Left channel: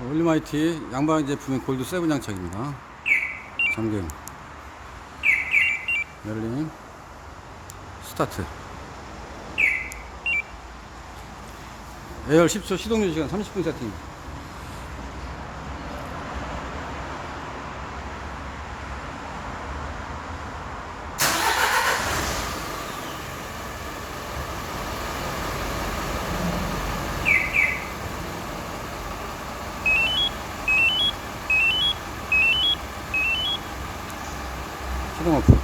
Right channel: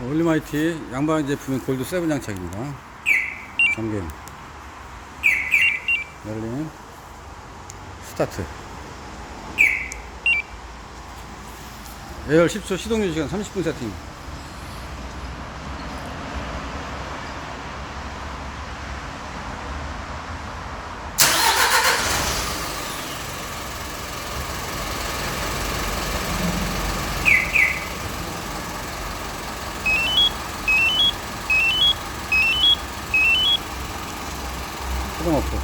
올리마이티 양방 제품인 골드 7 장착입니다. 잠김, 열림, 스타트. 에어 10초 시동 유지 시간 30분 세팅. 시동 오프.